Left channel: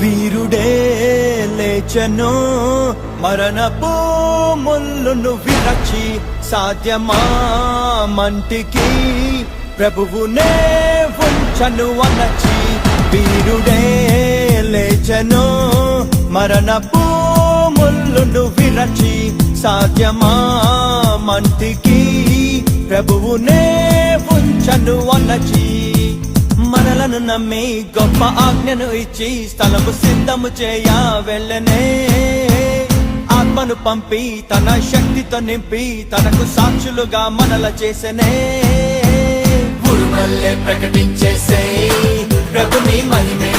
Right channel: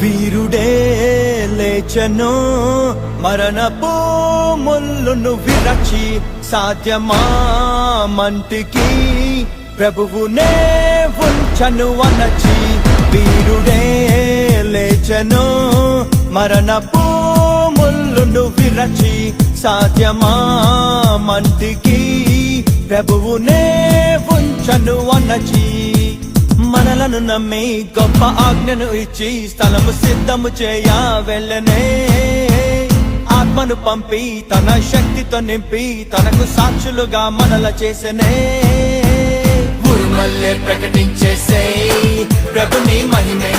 వీరుడే లేచెను మరణపు ముళ్ళును విరచి సాధ్యమా మంటికి ప్రభువునే ఉంచను అనచి వీరుడే లేచెను మరణపు ముళ్ళును విరచి సాధ్యమా మంటికి ప్రభువునే ఉంచను అనచి మనలను నమ్మి గొప్ప ఆజ్ఞను ఇచ్చి స్థలము సిద్ధము చేయ వెళ్ళనే ఆత్మను పంపి తన శక్తితో నింపి తనకు సాక్షులుగా మనల చేసనే ఉరుమల్లే ప్రకటించేసే ప్రభుని మహిమే